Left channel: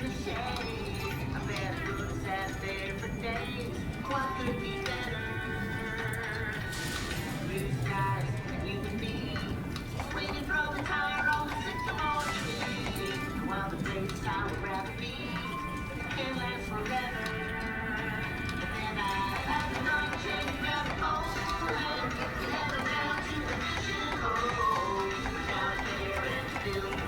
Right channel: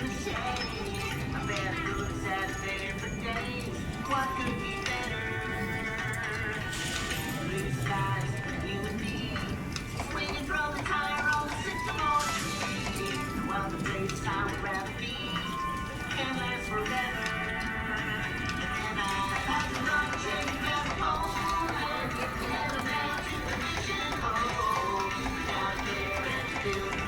the shade. A better good, sad affair for days. What could be better? Blue skies, you and me, swinging from the tire on the sycamore tree. While the blades pound gravity can last forever. And I like the night change up home, heading down to the mission hole. Out there in the field.